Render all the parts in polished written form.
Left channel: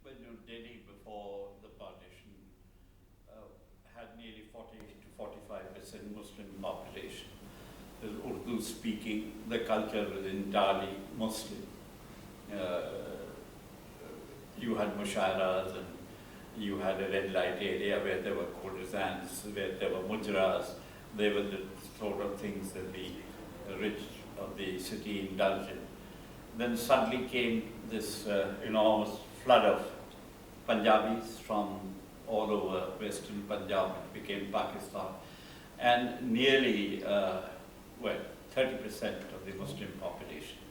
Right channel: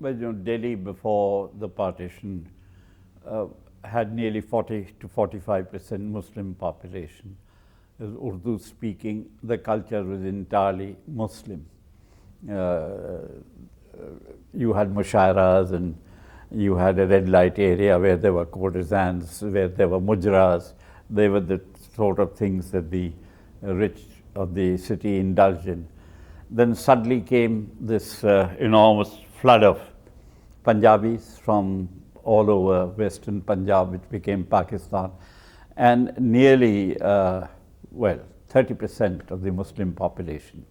Well, Delhi before the partition uh, had nearly 40 to 45% Muslim population. Urdu speaking, the culture was entirely Muslim. Uh, you had mushairas and you had a red light area where there were courtesans, where there were mujras. They were the sort of things that the rich of the city indulged in. Then suddenly came this enormous flood of Punjabis from all over western Punjab, which became Pakistan, and nearly, 30% of the Muslim population,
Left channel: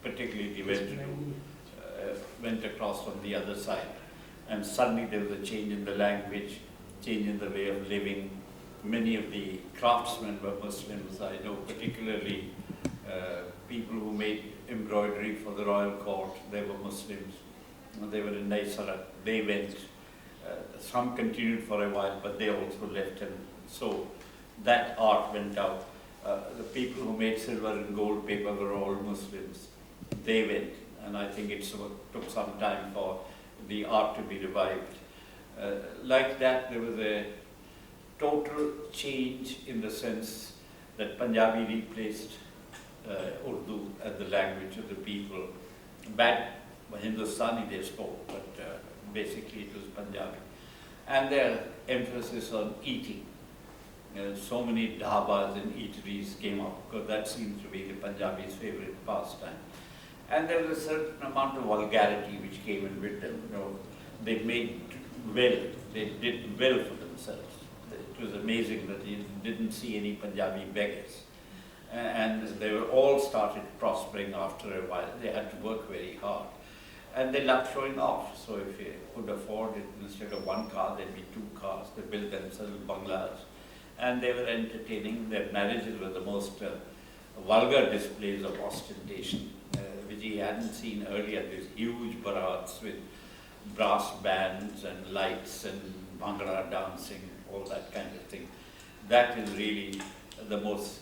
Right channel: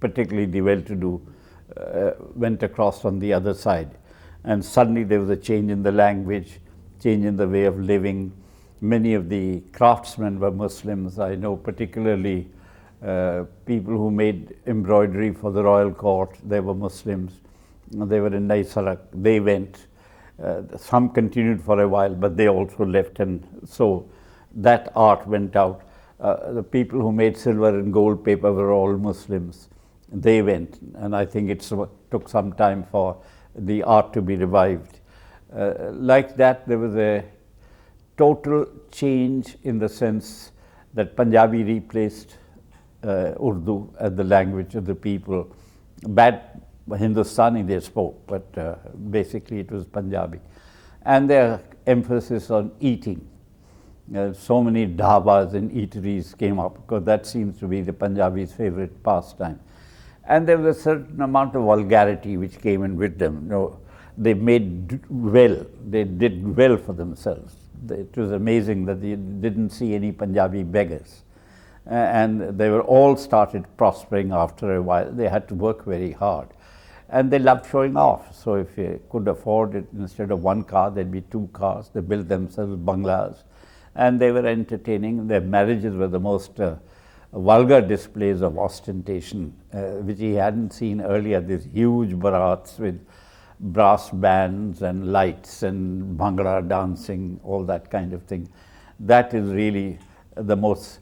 particularly the well-to-do, went across from the other side. And suddenly there was a change in the language, change in the way of living. Many of the craftsmen were Muslims. I know particularly people who made embroidery for the royal court, they were Muslims. They were in Naisarat, they went. Some continued for a while, but they also left, and so that art went out. The people who made silver and gold paper were all Muslims. They went, and I think it took some time for the art to be revived. Like that, there was a total change in the sense that Punjabi replaced Urdu as the language of the people. Bad Hindustani they spoke, but basically it was Punjabi. And their emphasis on eating. So many dhabas and eateries came up because that seems to be the Punjabis' favorite pastime. And there was a certain amount of vulgarity which came in with them. They made well, they did well for themselves. It was amazing that they didn't see any Punjabi beggars. And they were all started prospering after a while. They had to work very hard. And they loved showing off. So if you could afford it, instead of one car, there'd be two cars. They built themselves bungalows. And they were entertaining. Their marriages were the most vulgar displays of ostentation, which he hadn't seen earlier. These huge barats with brass bands and lights and bhangra dancing, all that kind of thing. That is really the most,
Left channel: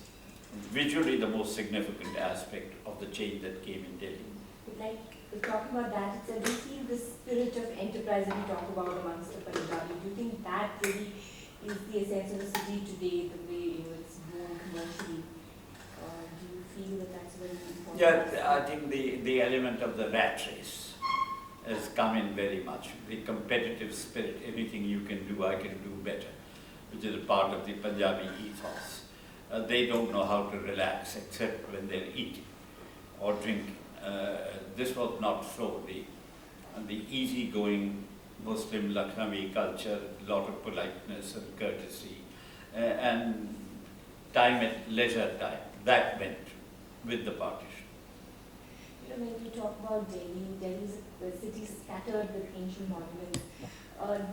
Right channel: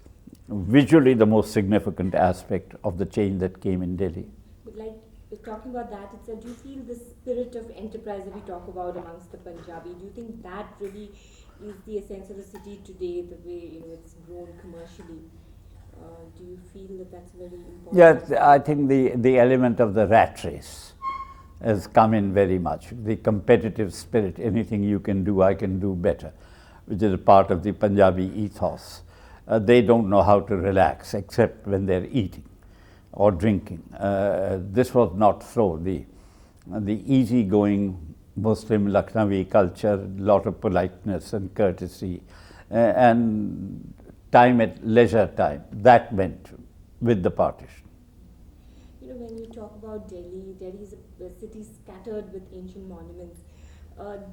visually the most significant aspect of the change that came in Delhi. But like talking about that itself, do you feel the spirit of enterprise that we talk about amongst the Punjabi, do you think that really is the essence of the city today, the way it's grown commercially? Do you feel that that's very important? Yeah, I think the element of the rat race has come in very much. The competitive spirit, anything you can do, I can do better, which is a part of the Punjabi ethos. They don't know how to relax except when they're eating or drinking. This was not so. The easygoing Muslim Lucknowi culture, a lot of politeness and courtesy, and time at leisure time, that went with the partition. When we talk about Delhi, Delhi is a city scattered with ancient monuments.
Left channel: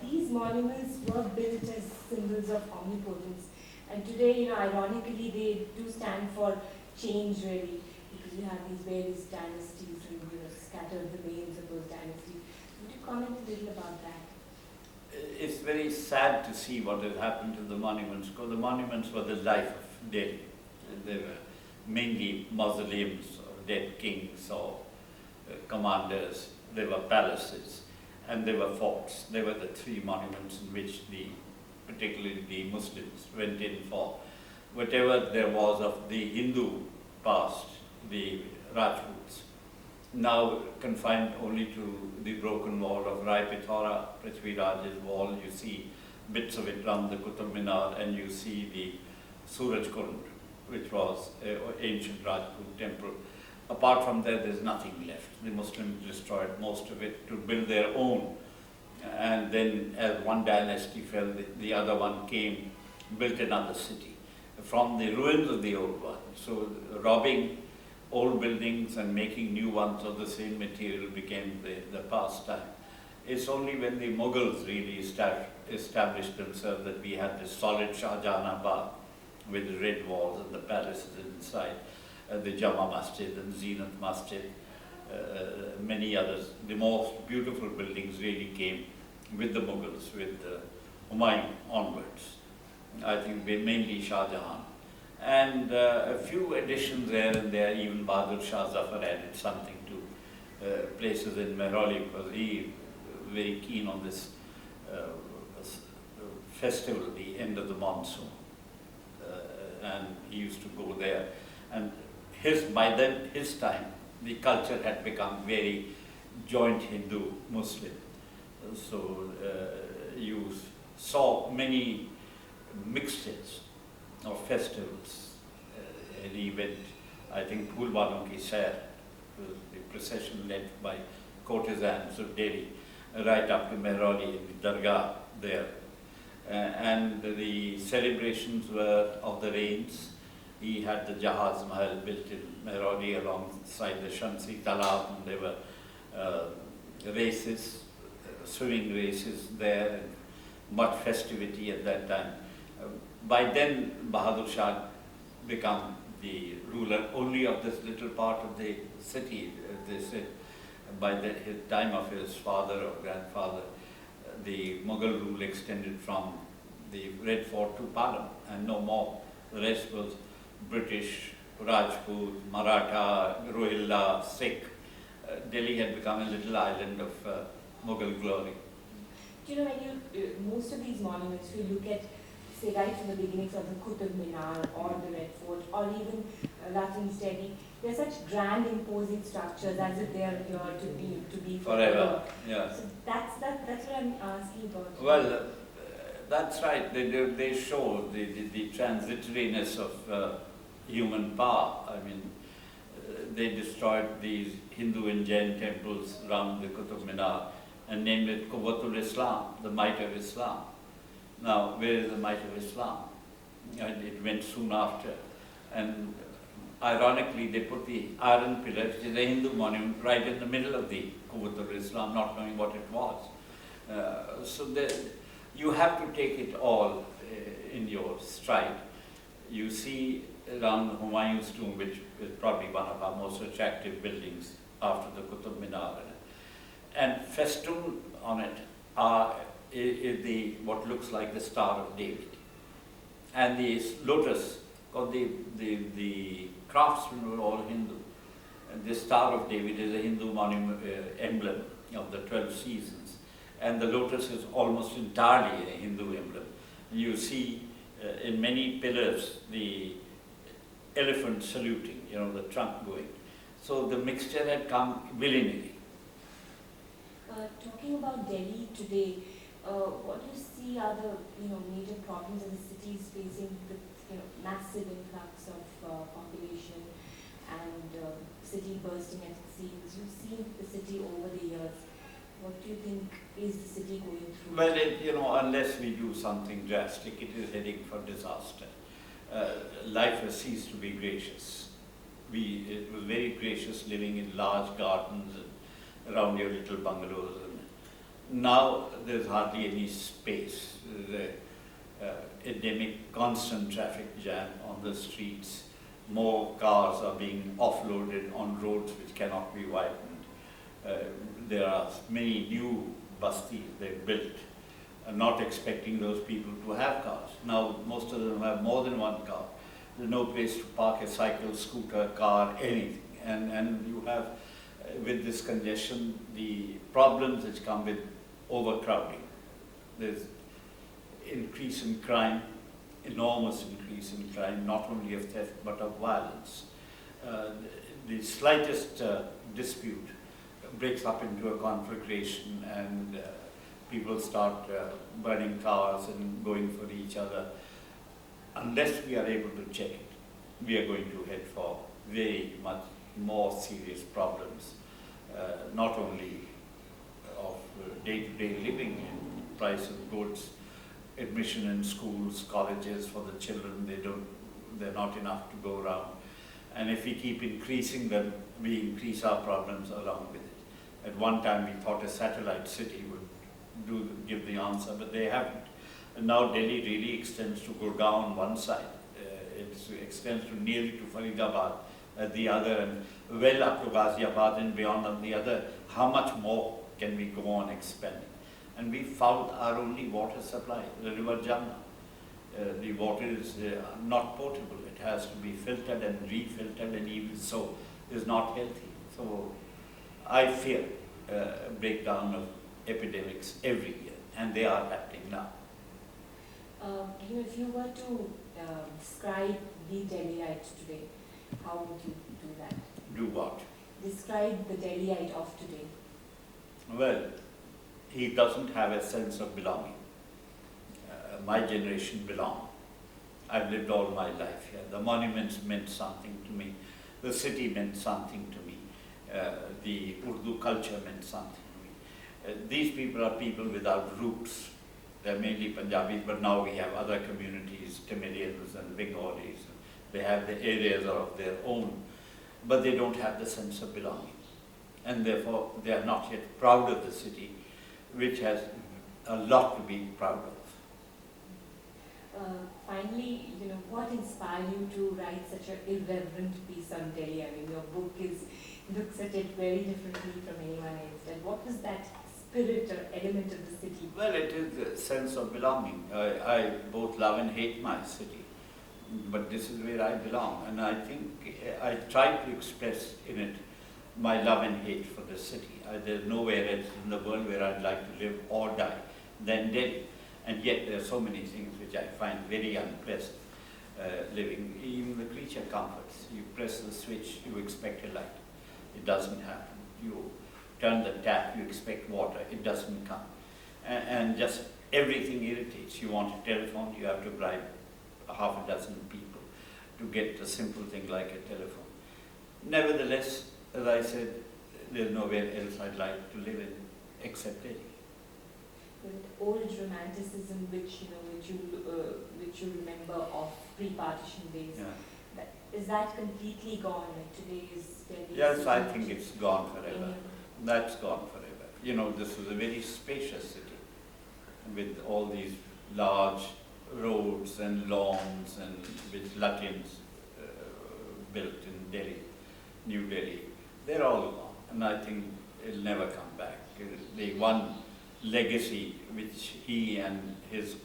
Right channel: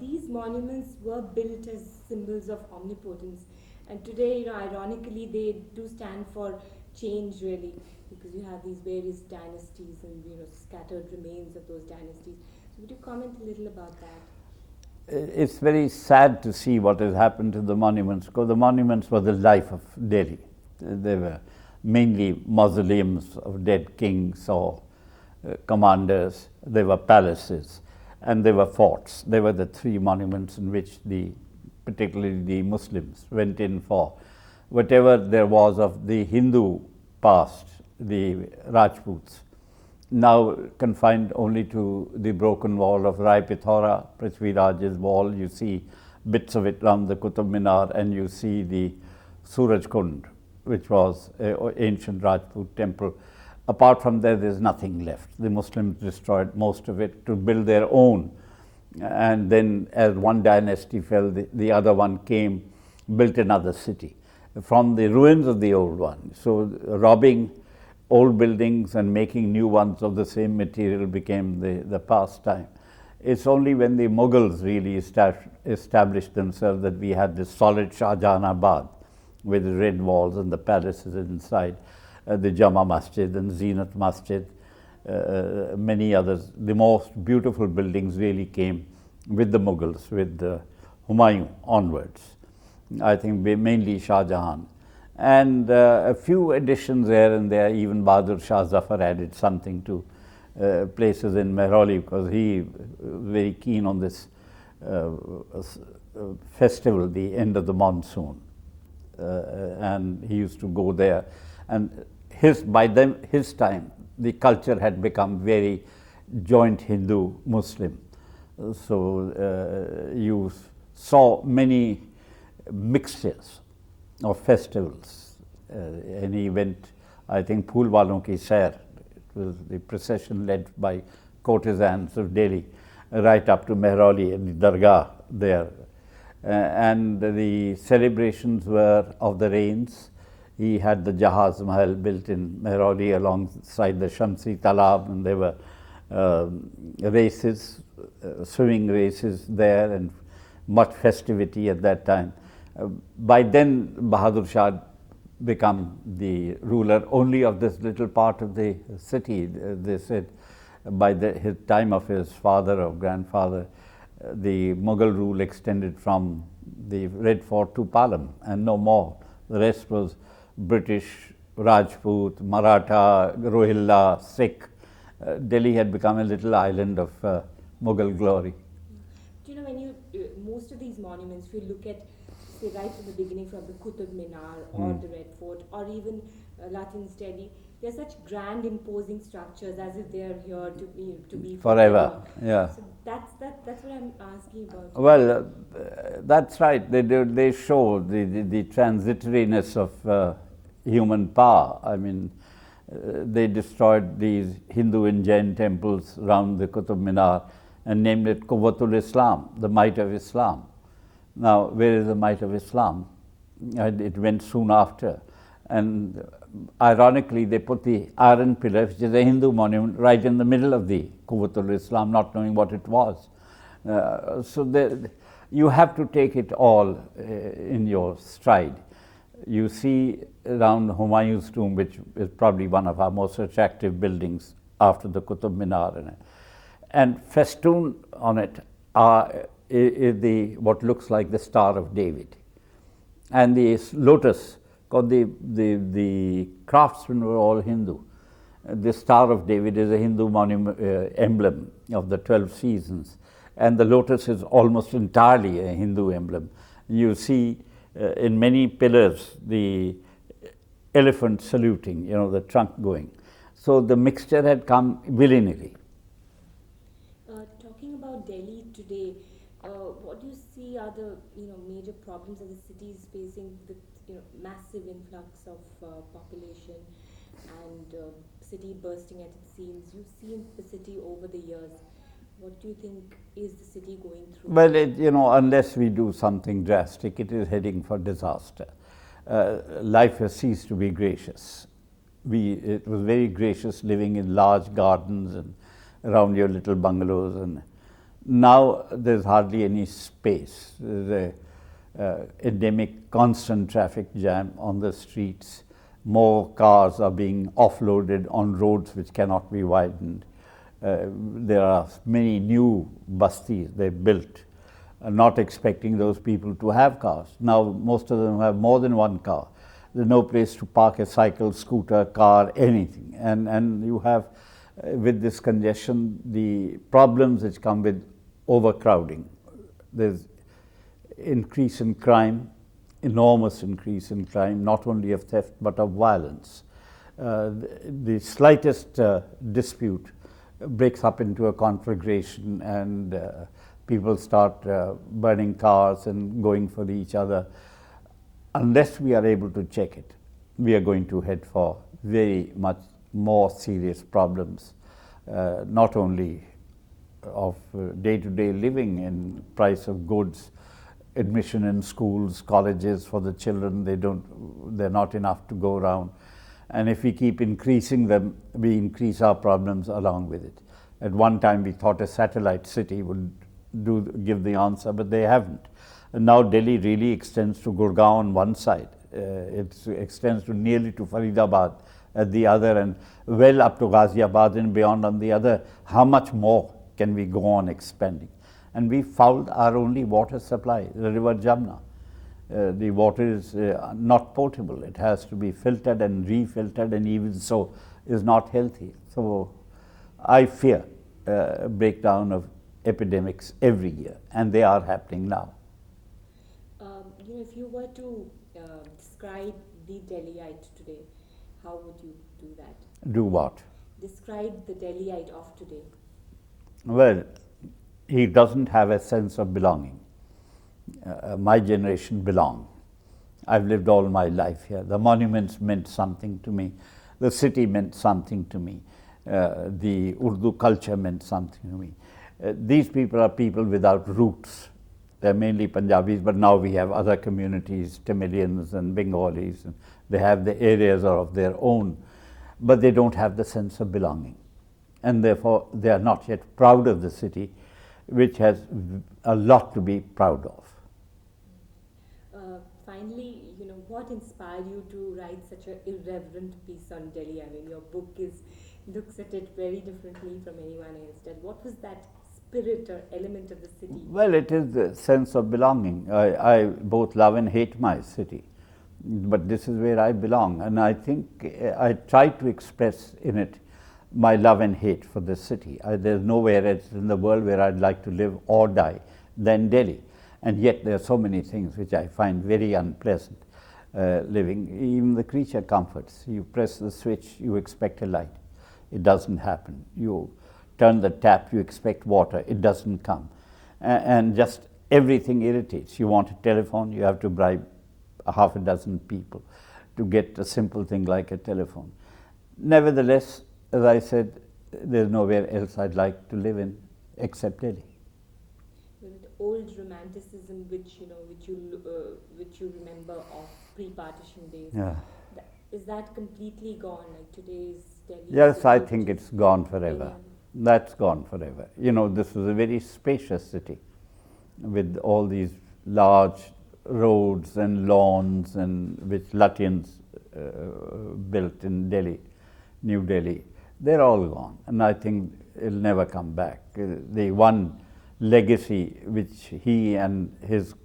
These monuments were built as symbols of omnipotence, and today, ironically, they do stand for change, really, because you have these various dynasties and scattered remains of those dynasties. Would you comment a little about that? It's very sad to see what has happened to the monuments, because the monuments were the life of Delhi. They were mainly mausoleums of dead kings or commanders. They were palaces and they were forts. They were the three monuments in which particularly the Muslims went in for whatever there was of the Hindu past, the Rajputs, now confined only to the broken wall of Rai Pithora, Prithvi Raj's wall. You see bits of it around the Qutub Minar, and you see the Suraj Kund, which was an ancient Rajput temple. Apart from there, there's nothing left. The Muslims destroyed most of it to build their own. And then as one dynasty fell, the other one came, built another city from the ruins of the old one. So robbing old buildings and making new ones of the same material became the pastime. It's only when the Mughals really established themselves that we had this solid Shahjahanabad with red walls and the palaces inside, the Jama Masjid and Zenat Masjid, many others. The most beautiful buildings really came with the Mughals, with Humayun onwards. I think mainly Shah Jahan. And a few additions there and there, even Bahadur Shah Zafar added something to places in Mehrauli, because he very keen on this festival, the end of the monsoon, and he used to go there. And by then his time, the culture had become very joint Hindu-Muslim. So you saw many mixtures of festivals. And he went, I think, Phool Walon Ki Sair, was the procession led by courtesans of Delhi, right up to Mehrauli and the Dargah there. And the celebrations were of the rains. He had the Jahaz Mahal built in Mehrauli alongside the Shamsi Talab, and there were races, swimming races there, and much festivity at that time. By then, Bahadur Shah become the ruler only of this little part of the city. They said by his time of his father or grandfather, the Mughal rule extended from the Red Fort to Palam and no more. The rest was British, Rajput, Maratha, Rohilla, Sikh. Delhi had become a little island of Mughal glory. You know, when most of these monuments, we look at, say, right from the beginnings of the Qutub Minar or the Red Fort or even Rajni Stedi, they're such grand, imposing structures as if they are here to be Forever. Yeah. So that's what I'm asking about. Well, that's right. They show the transitoriness of human power. I mean, they destroyed these Hindu and Jain temples around the Qutub Minar and named it Quwwatul Islam, the might of Islam. Now, where is the might of Islam? It went soon after. And ironically, they put the iron pillar, which is a Hindu monument, right in the middle of the Quwwatul Islam, not knowing what it was. So you have to take it all in your stride. You see around Humayun's tomb, which is probably one of our most attractive buildings after the Qutub Minar, and festooned on it is what looks like the Star of David, and the lotus. Because the craftsmen were all Hindu. The Star of David is a Hindu monument, emblem of the 12 seasons, and the lotus is almost entirely a Hindu emblem. You see in many pillars the elephant saluting, the trunk going. So the mixture had come willy-nilly. Talking about Delhi today, what do you see are the major problems that the city is facing with massive influx of population and city bursting at its seams? You've seen the city over the years. What do you think is the city going through? Well, unless we do something drastic, it is heading for disaster. Life has ceased to be gracious. It was very gracious living in large gardens and around your little bungalows, and now there's hardly any space. There's a endemic constant traffic jam on the streets. More cars are being offloaded on roads which cannot be widened. There are many new bastis they built, not expecting those people to have cars. Now most of them have more than one car. There's no place to park a cycle, scooter, car, anything. And you have, with this congestion, the problems which come with overcrowding. There's increase in crime, enormous increase in crime, not only of theft but of violence. The slightest dispute breaks up into a conflagration, and people start burning cars and going for each other. Unless we are able to check it, we are going to head for very much more serious problems, not only of day-to-day living and price of goods, admission in schools, colleges for the children. They're not enough to go around. And if we keep increasing them, we increase our problems along with it. At one time we thought a satellite city would give the answer, but they haven't. And now Delhi really extends to Gurgaon on one side. It extends nearly to Faridabad at the other, and well up to Ghaziabad and beyond on the other. How much more can we go on expanding? And we fouled our only water supply, the river Jamna. The water is not potable. It has to be filtered and refiltered, and even so is not healthy. So I fear a breakdown of epidemics every year, and they are happening now. If you were to describe the Delhiite today, how would you do that? Do what? Describe the Delhiite of today. Well, he doesn't have a sense of belonging. My generation belong. I've lived all my life here. The monuments meant something to me. The city meant something to me. The Urdu culture meant something to me. These people are people without roots. They're mainly Punjabis, but now we have other communities, Tamilians and Bengalis. And they have the areas of their own, but they don't have the sense of belonging. And therefore, they are not yet proud of the city, which has a lot to be proud of. Finally, what inspired you to write such an irreverent piece on Delhi? I mean, your book looks at it very differently from anyone else. And what was that spirit or element of the city? Well, it is the sense of belonging. I both love and hate my city, but this is where I belong. And I think I try to express in it my love and hate for this city. There's nowhere else in the world where I'd like to live or die than Delhi. And yet there are so many things which I find very unpleasant living. Even the creature comforts. You press the switch, you expect a light. It doesn't happen. You turn the tap, you expect water. It doesn't come. And just everything irritates. You want a telephone, you have to bribe half a dozen people to get a simple thing like a telephone. Nevertheless, as I said, there's nowhere else I'd like to live in except Delhi. The old romanticism which you remember of pre-partition days, Yeah. is that completely gone? Like today's Delhi? Yes, I think it's gone forever. That's gone forever. This is a very spacious city with all these large roads and lawns and which Lutyens built in Delhi, New Delhi. They're all gone, and I think it'll never come back. The one legacy which he and his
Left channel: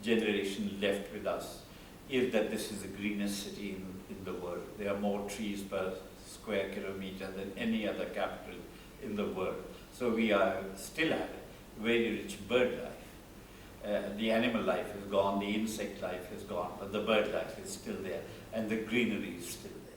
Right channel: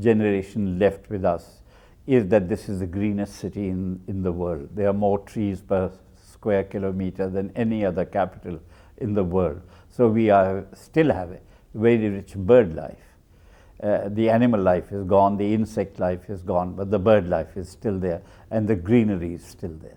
generation left with us is that this is the greenest city in the world. There are more trees per square kilometer than any other capital in the world. So we still have a very rich bird life. The animal life is gone, the insect life is gone, but the bird life is still there, and the greenery is still there.